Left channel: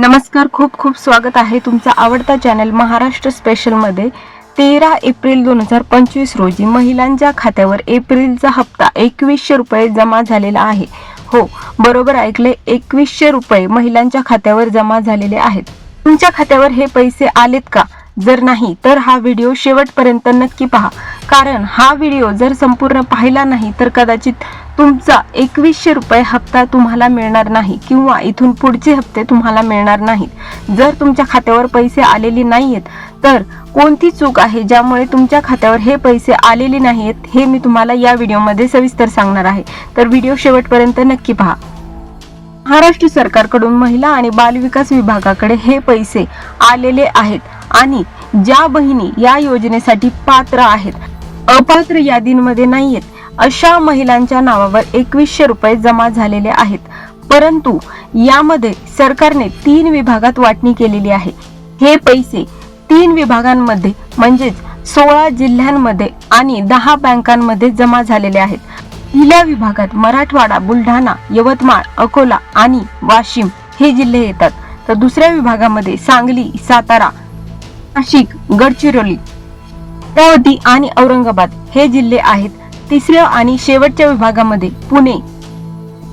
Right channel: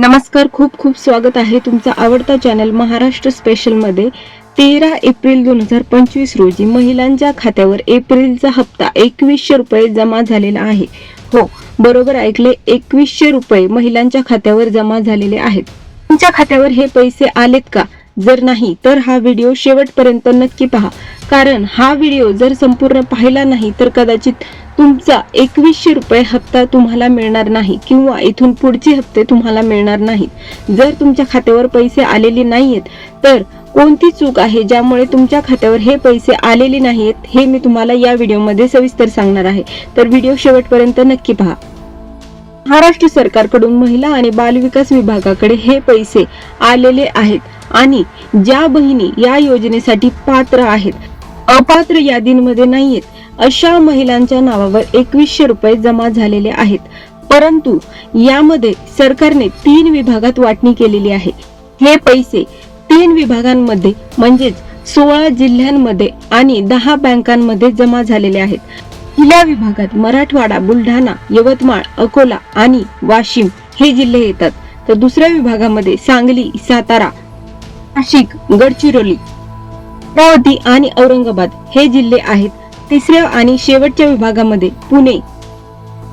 नमस्कार, खूप खूप स्वागत आहे तुमचा आवडता चॅनल महाराष्ट्र स्पेशल मध्ये। 13 एप्रिल 2025 रोजी महिलांच्या खात्यावर एप्रिलचा हप्ता 2100 रुपये जमा झालेला आहे। हो, बरोबर ऐकले, 2100 रुपये महिलांच्या खात्यावर जमा झालेले आहेत। तुमच्या खात्यावर हे पैसे आलेत का? जर नाही तर हा व्हिडिओ शेवटपर्यंत नक्की पहा, कारण हा व्हिडिओ जर संपूर्ण पाहिला नाही तर कदाचित तुमचा 2100 रुपये हप्ता तुम्हाला मिळणार नाही किंवा इथून पुढचे हप्ते तुम्हाला मिळणार नाहीत। जर तुमच्या खात्यावर पैसे आलेले नाहीयेत तर कोणती चूक आहे ज्यामुळे तुमच्या खात्यावर हे पैसे आलेले नाहीयेत हे मी तुम्हाला या व्हिडिओमध्ये सविस्तर सांगणार आहे, तर व्हिडिओ शेवटपर्यंत नक्की पहा। महाराष्ट्र सरकारकडून महिला आणि बालविकास विभागाकडे हे पैसे आलेले आहेत आणि ज्या बहिणी या योजनेसाठी पात्र आहेत, अपात्र यादींमध्ये नाहीयेत, अशा महिलांच्या नावावर 2100 रुपये जमा झालेले आहेत। परंतु यामध्ये सरकारने 3 विभागात वाटणी केलेली आहे। हे पैसे 3 विभागांमध्ये म्हणजेच 16 जिल्ह्यांमध्ये आणि 10 बँकांमध्ये जमा झालेले आहेत। पहिल्या विभागात मराठवाडा, बुलढाणा, यवतमाळ, अकोला आणि वाशिम हे जिल्हे येतात, तर दुसऱ्या विभागामध्ये सांगली, सातारा, नाशिक, गडचिरोली, अमरावती आणि औरंगाबाद हे जिल्हे आहेत। तिसऱ्या आणि शेवटच्या विभागामध्ये पुणे,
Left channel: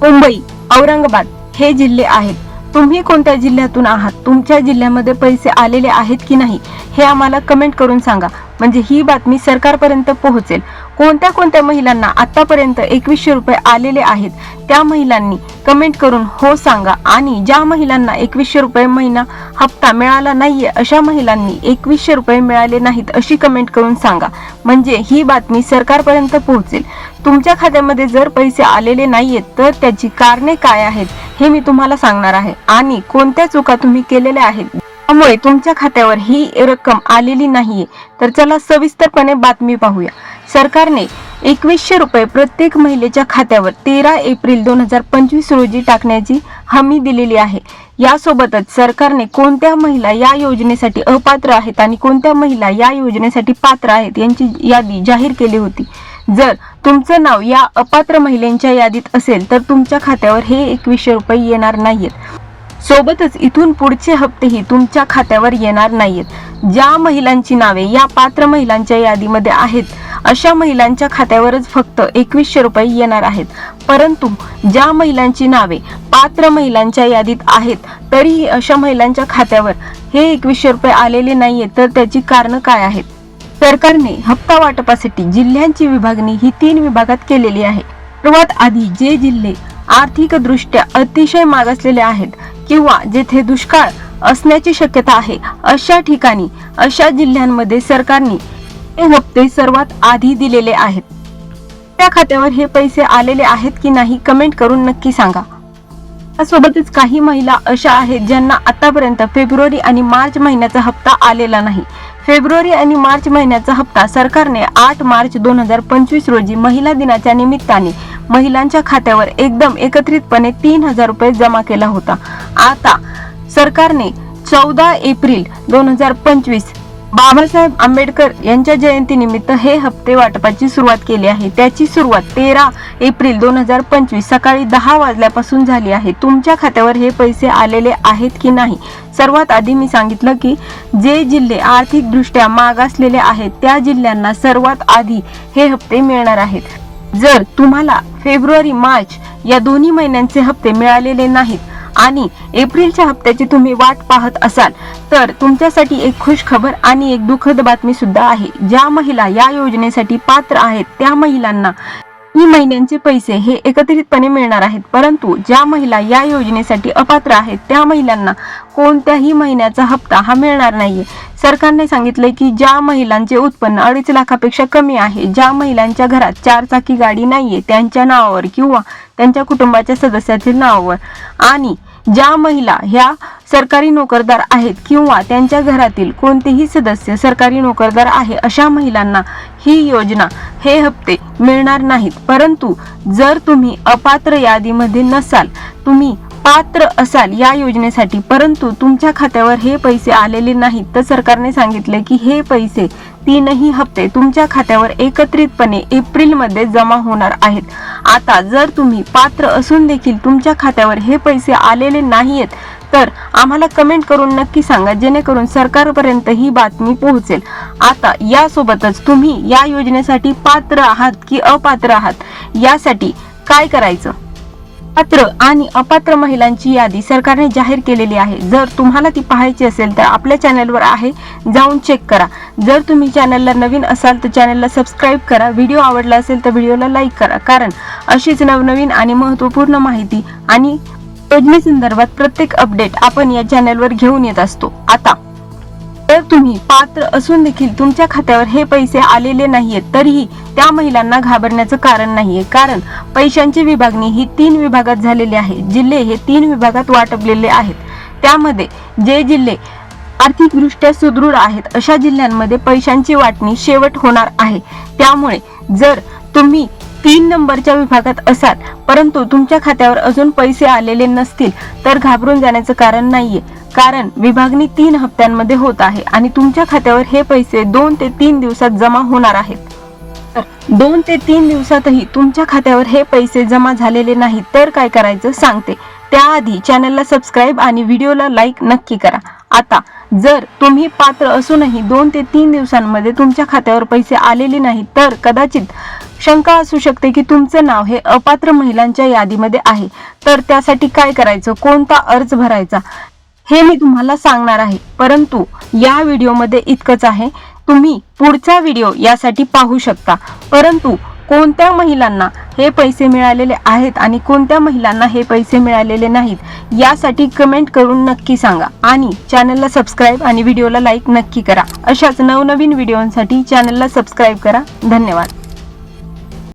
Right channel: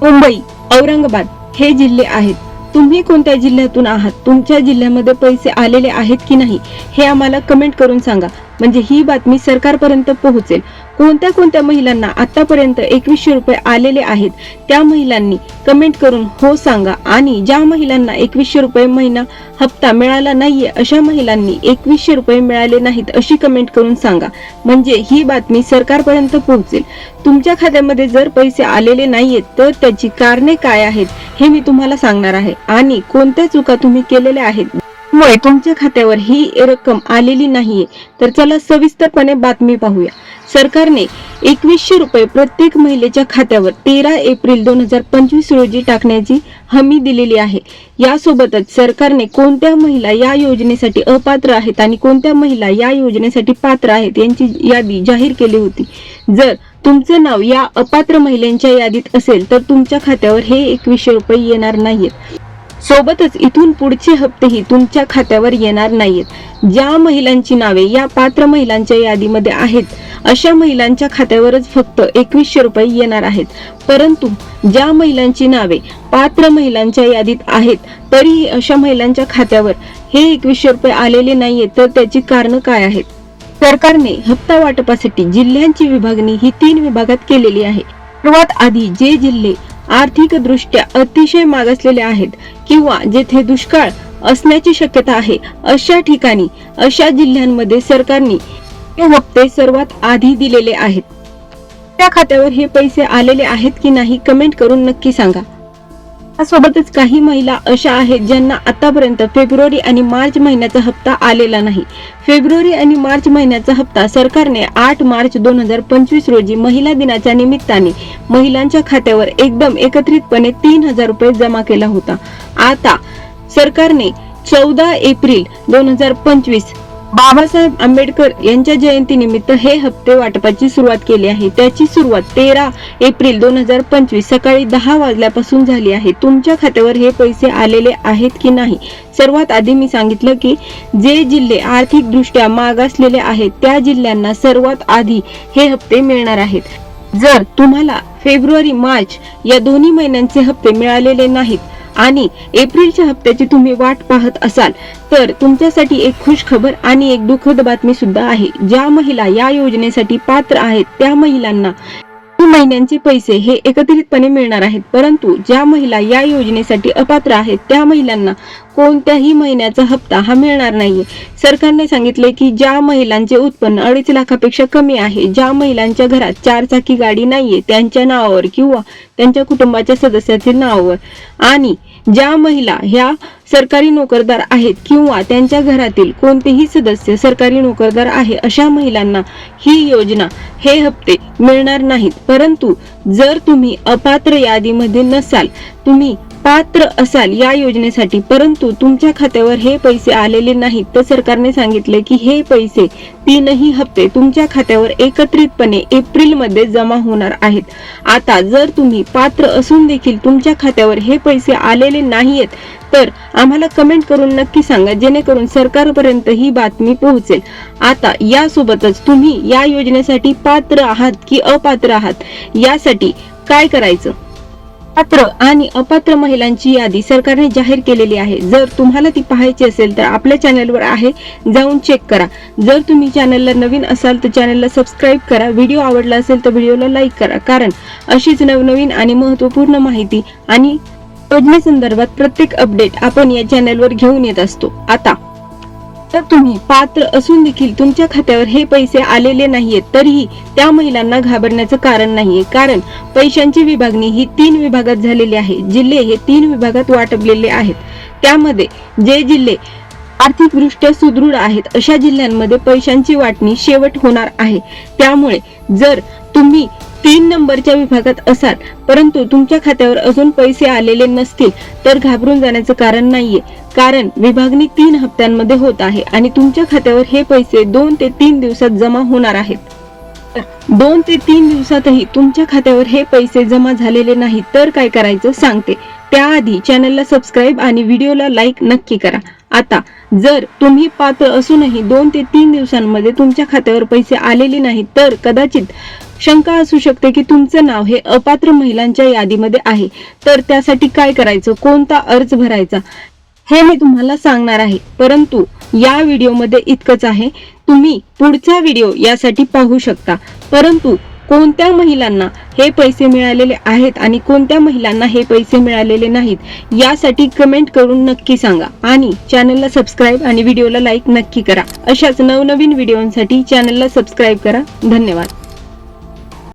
मुंबई, औरंगाबाद हे जिल्हे आहेत। तुम्ही कोणत्या जिल्ह्यातून आहात, तुमच्या जिल्ह्यामध्ये पैसे आलेले आहेत की नाही हे आम्हाला कमेंट करून सांगा, म्हणजे ही बातमी सरकारपर्यंत पोहोचेल। कोणत्या कोणत्या महिलांना आतापर्यंत 2100 रुपये आलेले आहेत त्या महिलांनी कमेंट करून हो सांगा, आणि ज्या महिलांना 2100 रुपये महिना हप्ता मिळाला नाहीये अशा महिलांनी 2100 रुपये मिळाले नाहीत अशी कमेंट करून सांगा, म्हणजे ही बातमी सरकारपर्यंत पोहोचेल। तुमच्या खात्यामध्ये जर पैसे आलेले नाहीयेत तर त्याची कारणे काय आहेत हे मी तुम्हाला सांगणार आहे, आणि कोणत्या चुका तुम्ही केलेल्या आहेत त्यामुळे तुमच्या खात्यावर ही रक्कम आलेली नाहीये। तर चला सविस्तरपणे बातमी पाहूया। सरकारने 2100 रुपये प्रत्येक महिलेच्या खात्यावर 13 एप्रिल 2025 रोजी टाकण्याची हमी दिलेली आहे। यासोबतच सरकारने कोणत्या महिला या योजनेसाठी अपात्र आहेत आणि कोणत्या महिला या योजनेसाठी पात्र आहेत यांची यादी जाहीर केली होती। जर तुमचं नाव या अपात्र महिलांच्या यादीत असेल तर तुमच्या खात्यावर हे 2100 रुपये येणार नाहीयेत। सोबतच इथून पुढचे हप्तेही तुमच्या खात्यावर येणार नाहीयेत। ज्या महिलांची नावे या पात्र महिलांच्या यादीमध्ये आहेत अशा महिलांच्या खात्यावरच फक्त 2100 रुपये येणार आहेत। परंतु ज्या महिलांची नावे पात्र महिलांच्या यादीत आहेत तरीही अशा महिलांच्या खात्यावर हे 2100 रुपये आलेले नाहीयेत, तर त्याची कारण काय आहेत? सरकारने हप्ता वाटपासाठी जिल्ह्यांची विभागणी ही 3 विभागात केलेली आहे। सर्वात आधी जे जिल्हे आर्थिक दृष्ट्या अतिशय मागासलेले आहेत किंवा जेथे दुष्काळ असण्याची शक्यता आहे अशा ठिकाणी, अशा जिल्ह्यांमध्ये सरकारने हे हप्ते सर्वात आधी दिलेले आहेत। त्या खात्यावर हे पैसे आलेले आहेत की नाही कमेंट करून नक्की सांगा। त्यासोबतच काही महिला अशा आहेत ज्यांना आतापर्यंत फेब्रुवारी आणि मार्च महिन्याचा हप्ता आलेला नाही। फेब्रुवारी आणि मार्च महिन्याचा हप्ता सरकारने 8 मार्च 2025 रोजी महिला दिनाच्या निमित्ताने महिलांच्या खात्यावर एकदम एकत्रितपणे 3000 रुपये जमा केला होता। आता सरकारने 14 एप्रिल 2025 बाबासाहेब आंबेडकर यांच्या जयंतीनिमित्त हे हप्ते वाटपाची सुरुवात केली आहे। त्याची सुरुवात 13 एप्रिल 2025 सकाळी 10 वाजल्यापासून झाली आहे। तुमच्या खात्यावर हे पैसे आलेले आहेत की नाही? सर्वात आधी मी सांगितलं की जे जिल्हे आर्थिक दृष्ट्या मागासलेले आहेत त्या जिल्ह्यांना सर्वात आधी हे हप्ते मिळणार आहेत। जर तुम्हाला फेब्रुवारी मार्च या दोन्ही महिन्यांचे हप्ते मिळालेले नाहीत आणि एप्रिलच्या हप्त्याची तुम्ही वाट पाहत असाल तर तुमच्यासाठी एक खुश खबर आणि एक दुःखद बातमी सुद्धा आहे। ज्या महिला या योजनेसाठी पात्र आहेत त्या महिलांना महिन्यांचे पैसे हे एकत्रितपणे मिळणार आहेत, परंतु ज्या महिला या योजनेसाठी अपात्र आहेत त्या महिलांना कोणत्याही महिन्याचा हप्ता हा मिळणार नाहीये। सरकारने सांगितले की ज्या महिलांचे उत्पन्न 2.5 लाखापेक्षा कमी आहे, ज्या महिलांच्या घरात 4 चाकी गाडी नाहीये त्यांच्या नावावर किंवा त्यांच्या कुटुंबाच्या सदस्यातील नावावर, आणि ज्या महिला ह्या सरकारी नोकरदार आहेत किंवा त्यांच्या घरातील कोणतेही सदस्य सरकारी नोकरदार आहे अशा महिलांना ही योजना हे हप्ते मिळणार नाहीत। परंतु जर तुम्ही अपात्र यादीमध्ये नसाल, तुम्ही पात्र असाल या योजनेसाठी परंतु तुमच्या खात्यावर हे पैसे आलेले नाहीत, तर सरकारने सांगितले की हे पैसे 3ही हप्ते तुमच्या खात्यावर एकत्रितपणे एप्रिल मध्ये जमा होणार आहेत। आता जर तुम्ही पात्र असून देखील तुमच्या खात्यावर हे पैसे आलेले नाहीयेत तर आम्हाला कमेंट करून नक्की सांगा, जेणेकरून सरकारपर्यंत ही बातमी पोहोचेल. आता यासोबतच तुम्ही या योजनेसाठी पात्र आहात की अपात्र आहात यासाठी काय करायचं, पात्र आणि अपात्र महिलांची यादी सरकारने जाहीर केलेली आहे. जर तुम्हाला ती पाहायची असेल तर आपल्या चॅनलवर आहे, जाऊन चेक करा. जर तुम्ही चॅनलला नवीन असाल तर चॅनलला सबस्क्राईब करा. व्हिडिओ आवडला असेल तर व्हिडिओला लाईक करा, कारण अशीच नवनवीन आणि महत्त्वपूर्ण माहिती आणि योजनेसंदर्भात प्रत्येक अपडेट आपण या चॅनलवर घेऊन येत असतो. आता जर तुम्ही पात्र असून देखील तुमच्या खात्यावर हे पैसे आलेले नाहीयेत, तरीही त्या महिलांना घाबरण्याचं कारण नाहीये, कारण पैशांची विभागणी ही 3 विभागात झालेली आहे. जिल्हे हे 3 विभागात वाटपलेले आहेत. त्यामध्ये जे जिल्हे आर्थिकदृष्ट्या सुदृढ आहेत अशा जिल्ह्यांमध्ये पैशांची वाटणी शेवट होणार आहे. त्यामुळे जर तुम्ही 3 नंबरच्या विभागात असाल परंतु तुमच्या खात्यावर अजून पैसे आलेले नसतील तर घाबरून जाण्याचं कारण नाहीये, कारण विभागणी 3 हप्त्यांमध्ये होत आहे आणि तुमच्या खात्यावर हे पैसे 2 ते 3 दिवसात जमा होणार आहेत. 2 ते 3 दिवसातही तुमच्या खात्यावर हे पैसे जमा झालेले नाही तर काय करायचं सांगते. त्याआधी चॅनलला सबस्क्राईब आणि व्हिडिओला लाईक नक्की करा. आता जर तुम्ही पात्र असूनही 2 ते 3 दिवसांमध्ये तुमच्या खात्यावर पैसे आलेले नाहीत तर कदाचित शंका असू शकते की तुमचं नाव हे अपात्र महिलांच्या यादीमध्ये आहे. तर त्यासाठी काय करायचं, कोणता अर्ज भरायचा हे मी तुम्हाला सांगणार आहे. परंतु या व्हिडिओमध्ये इतकंच आहे. तुम्ही पुढचा व्हिडिओ यासाठी पाहू शकता. परंतु कोणत्या महिलांना हे पैसे मिळालेले आहेत आणि कोणत्या महिलांना हे पैसे मिळालेले नाहीत यासाठी कमेंट करून नक्की सांगा आणि चॅनलला सबस्क्राईब आणि व्हिडिओला लाईक नक्की करा. अशाच नवनवीन व्हिडिओंसाठी चॅनलला सबस्क्राईब करा. धन्यवाद.